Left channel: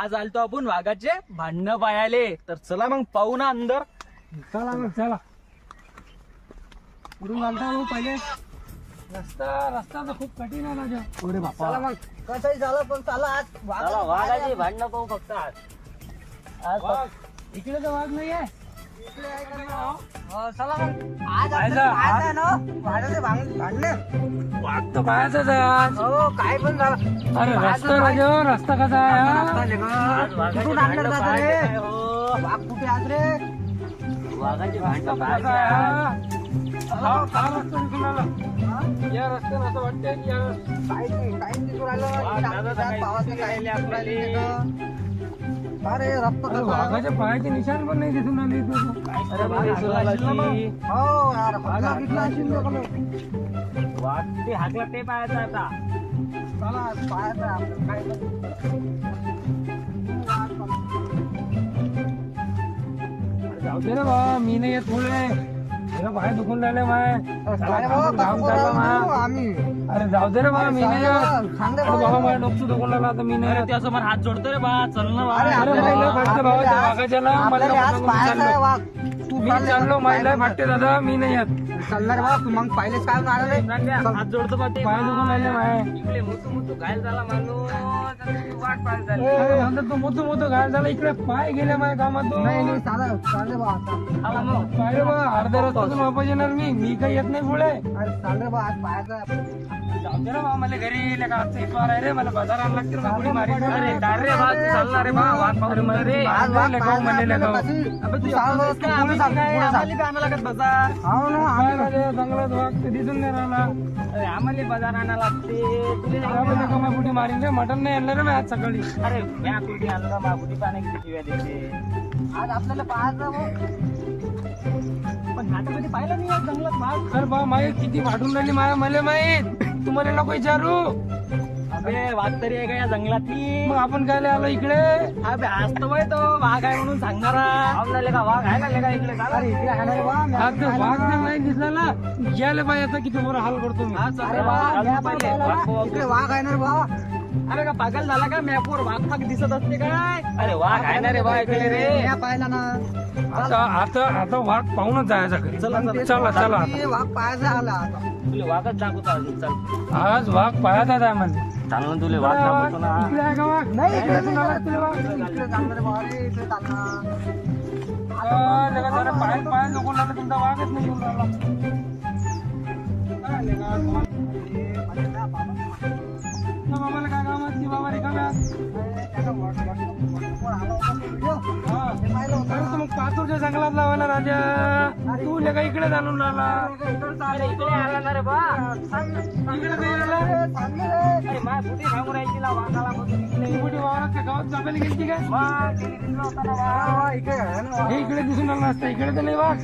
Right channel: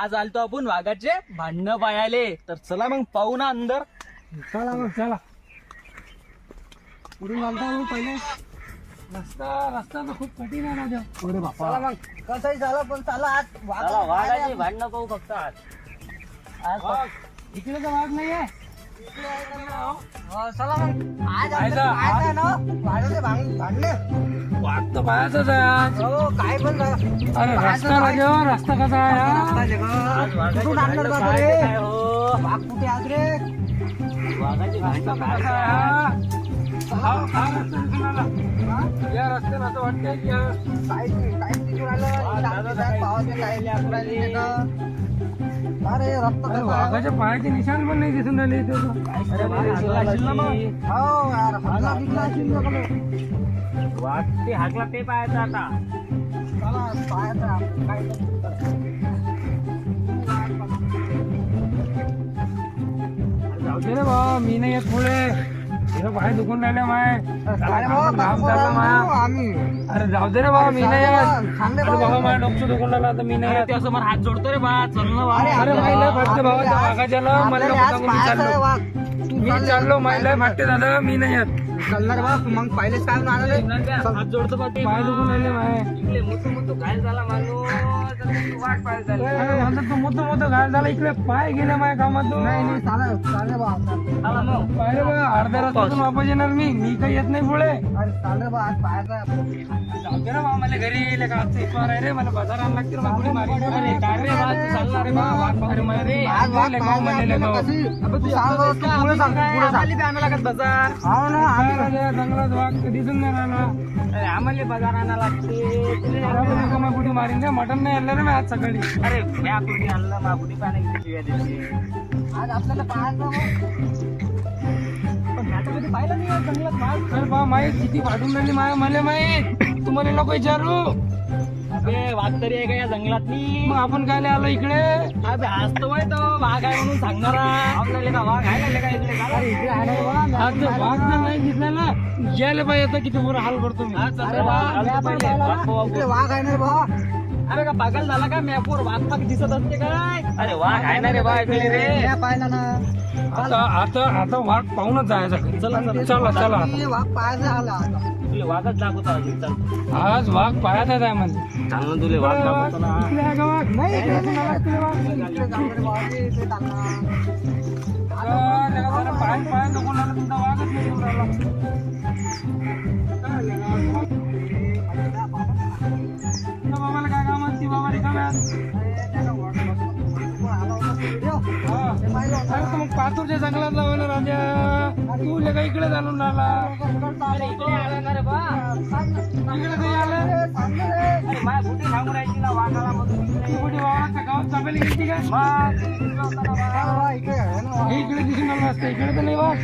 आज आलतो आपण वाघाचे भांडणं पाहायले, तर चला मग पाहू ना अंदर. चला मग चला. कुठून आलता पहिले? रस्ता तर खूप कठीण आहे माझ्या. अरे बापा, चला मग कसंही झालं पण चला आज चला वाघाची भांडणं पाहू फक्त आज. इकडे तर वाघ नाहीये. चला मग आज पाहायचं, पाहायचं आहे ना वाढायचे भांडणे. वाघ तर पाहायचाच आहे आज. हो काय पण झालं. अरे रस्ता राजा, रस्ता कसा आहे? कुठून आणलं जात रे वाघ? कुठे आज रे? वाघाची भांडणं कसा पाहायचं. आहे? हा रस्ता दिसून आला. या रस्त्यानं असं वाटतंय की काहीच दिसून आलं. पावाचे काय लेकराले का? अरे रक्त अरे कसं आहे? वाघाच्या पायाचे निशाण पण नाही दिसून आले इथे. अरे वाघ असेल ना मग. हो यार हागला बिगला असेल बघ लो. वाघ ते हाकला ते पाहायचं आता. चला पाहायचं आहे आपलं. काय जाऊ दे रे बा, मी नाही येत पुढे. हे पाय दुखून राहिले माय. घाम चालला माया. आम्ही अरे जाऊ दे रे बा, मी नाही येत. सांगले अरे बाबा माझ्या डोकं दुखून राहिला आता मी नाही अरे येत. त्यासमोर हात जोडतो रे बा, चल ना बा. अरे माहिला फाटते बाबा त्या वाघाच्या ना, मला आपल्याला आज पतंग मी पाहायचं आहे चाललो. वाघ. तू मी चाललो माहिला फाटते दादा, मी नाही येत. चालणार बा तू मग पहिलेच काय आले. हात जोडतो बा ते. पाय दुखून राहिले माय. इकडे मोठू घायल झाला माणूस. वाट पाहायला झाली. अरे म्हणतात तो मोठं घायल झाला, इकडे पाय गेले माझ्या कामातून. नाही चालेल चालेल बा. आला मग. पाहिलं बा, अर्ध्या रस्त्यातून वापस येणार मी काही येत नाही पुढे. अरे चालेल बा आज पाहायचं आहे आपलं. जाऊ दे रे बा, मला घरी येईल का आजचा इतवार आहे रे, मला बाजार आणला लागते रे, मला पुढे मारी. अरे काय रे बा, तू चालला रे बा, वाघ पाहू रे मला रे. आज वाघ लेकाव पाहायचं म्हणले आपल्याला लेकाव. कशी. अबे तू सांग एकटाच तू काय? पुढे सांग, आम्हाला पुढे सांग. आम्हाला बी आणायला लागत बाजार. हो ना काय राजा, जंगलात वाघ तर दिसून नाही राहिला. अरे आम्हाला बाजार आणायला लागते. तुला आपण लेका मग पुढे मारीन रे, मटण नाही आणलं रे मी आज सकाळी. अरे म्या कुठे आणलं मा कुठे पाण्याची शिव्या देते. आज आपल्याला पाहायचं पण नाटकमध्ये पाहिलं नाही या जंगलात वाघ. अरे बा माहीत किती वाढून राहिली माया, मला माहीत. तुम्हाला नको विचारू. अबे वाघ तरी आहे का या जंगलातली? मग आपण काय आलो इकडे? अबे हसतो बाई तो, वाघ आहे म्हणून सांगणार आपल्याला का वाघ आहे का इकडे का? अरे इकडे आहे ना रे बा. आज जर वाघ जर नाही दिसला ना, गेले पाहिजे आता किती मोठा हाल करतो मी. हा, चल अरे रे बा बा, म्या चल पण पहिले. पाहिलं वाघ ना. पाहू इकडे आपण. वाघ आहे ना रे बा. अरे का पागल झाला का मॅपवर वाघ फाग दिसत असते काय? अरे वाघ आहे ना रे बा इकडे रे. म्या पाहिला ना. आता वाघ पाहूनच जायचा घरी. चला चला चला चला आता. ते वाघ पाहायचा आला आता. तुला वाघच दाखवतो अजून. चल आज वाघ पाहत आहे आम्हाला. चाल ना, तुला वाघ दाखवतो ना. इकडे आहे का वाघ? नाही इकडे इकडे आला तुला वाघ. इकडे चाललं रे बा. अरे इकडे चालला. पाय नको लागला, तुमचा वाघच नाही येऊन राहिला. त्या बाबाला काय काम असते, बाबा रिकाम्या. अरे तर मग पाचूरच्या जंगलात लावायला राजा, तू लेका इकडे जाणून राहिला. अरे इकडे आला ना रे बा. इकडे काही आला. अरे माझ्या कुठे सांगू राहायची ना वाघाला मधून तू इकडे. कुठे वावरात गावात चापेली गेली काय? मग तिने दिसला होता ना वाघ. इकडे आहे ना हे इकडे दिसून आलं असतं, इकडे तर नाही वाघ.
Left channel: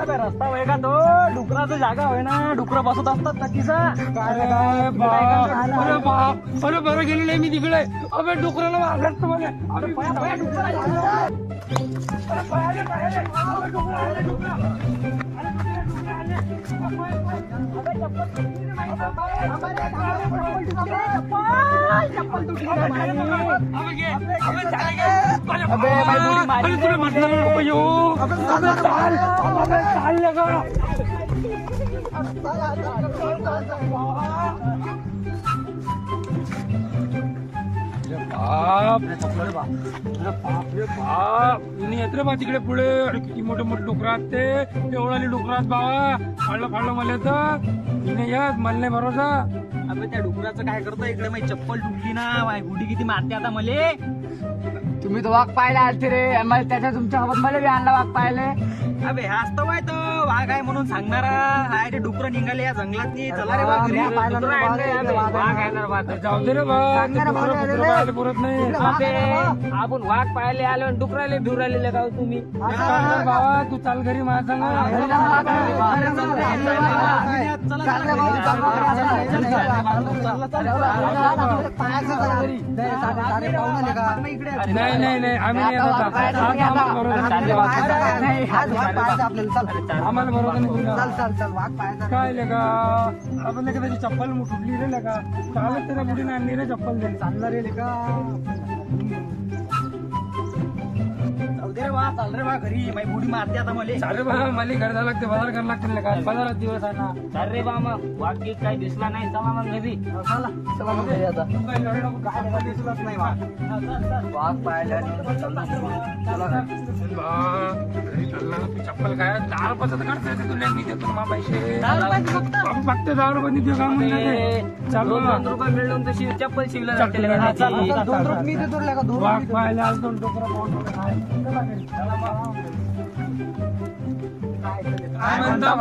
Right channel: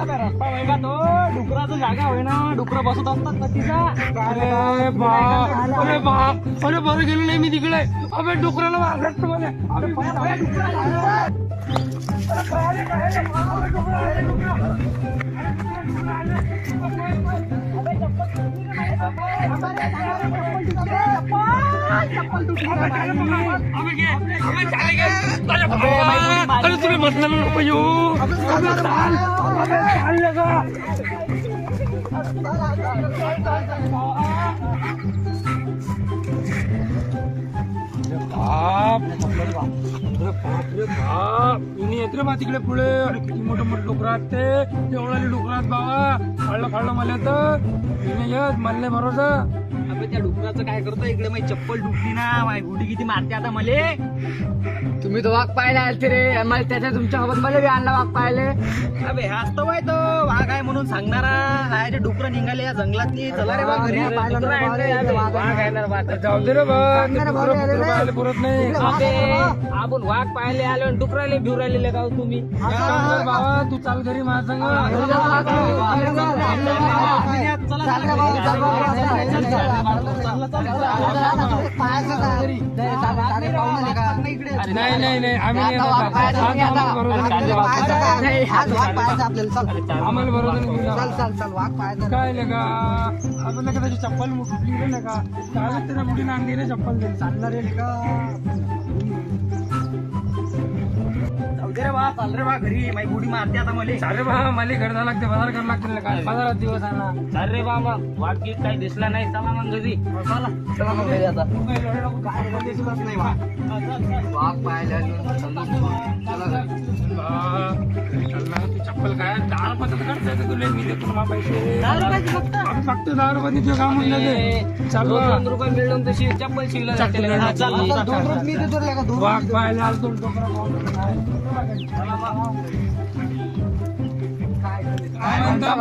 अबे रस्ता होय का तो? डुकराचं जागा होय ना, डुकरं बसत असतात ना तिचा. अरे बाप, अरे बाप, अरे बरं गेलो नाही मी तिकडे. अबे डुकराला वाघात मला. अबे पाया डुकरं आलं. अरे पायाले, पायाले. अबे डुकरं आलं, डुकरं. अरे डुकरं आलं. अबे चप्पल तुटली रे माझी. चप्पल तुटली रे माझी. अबे घे, अबे चाले घे. अबे माझी मोठी मारी. अरे तुला म्हटलं नको येऊ. अबे चाल, अबे चाल लेका. बाप रे बाप रे बाप, इनी येत रे बा तिकडे पुढे. अरे किती मोठे मोठे डुकर असते, एवढाले डुकर आहेत बाबा. खाल्लं मला तर इने येत, मला नाही भरोसा. अबे त्या डुकराचं काय करतो इकडे? माझी चप्पल तुटली ना, माझी गुडी किती मारते आता मले. तुम्ही तो वाघ पाहायला आलते रे. मला त्याच्या तुमच्या सोबत मला बी आणला वाघ पाहिले. अबे हाच तो बाय तो वाघ आहे म्हणून सांगणारा. हाय ते डुकरं निघाले या जंगलातली. चला रे बा घरी. मी पाहिलं ना डुकरं बा, आहेत रे, इकडे वाघ वाघ आहे. आहे ना बा ते. जाऊ दे रे बा, सांगणार बा, अरे रे. पाहायला पुरत नाही. इकडे वाघ अबे, आहे ना. आपण वाघ पाहिले आलो आणि डुकराले भिव राहिलेले का हो तुम्ही? चाल बाबा, तू चाल घरी माझ्या संग. नाही नाही नाही नाही आम्ही नाही येत आता. आज आम्हाला भरोसा नाही दिला. आम्हाला भरोसा नाही दिला. काय लगा आपण का त्याची चप्पल फुटली रे लगा चालत त्याला मुलीने आणली रे चप्पल दिली चालणार रे का रे बा चाल रे बा घरी माझी बुडी मारते आता मला. अरे बा मला घर जावं लागते बाजार करावं लागते लगा बाजारात दिवस आहे ना. चाल रे बा मग वाघ गीत काही दिसला नाही चला मग घरी. चला मग घरी आता. तू काय लढू नको, काय दिसलंच नाही बा. वाघ पाहायला घरी चालला तू चप्पल काय 10 रुपयाचं काढता येते तुला मी देतो ना पैसे. आम्ही फक्त 10 रुपये देतो का म्हणलं ते चालू 2 रुपये मिळून तशी चप्पल शिवला जाते लगा त्याची. वाघ पाहायला आलतो डोकरा पाहून काय म्हणता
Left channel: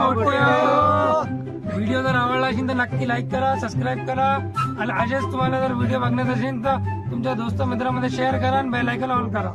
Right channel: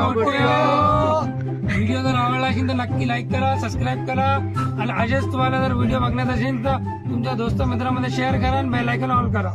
व्हिडिओ जर आवडला असेल तर नक्की लाईक करा सबस्क्राईब करा आणि असेच तुम्हाला जर व्हिडिओ बघण्यात असेल तर तुमच्या दोस्त मित्रांमध्ये शेअर करा आणि बेल आयकॉन ऑन करा.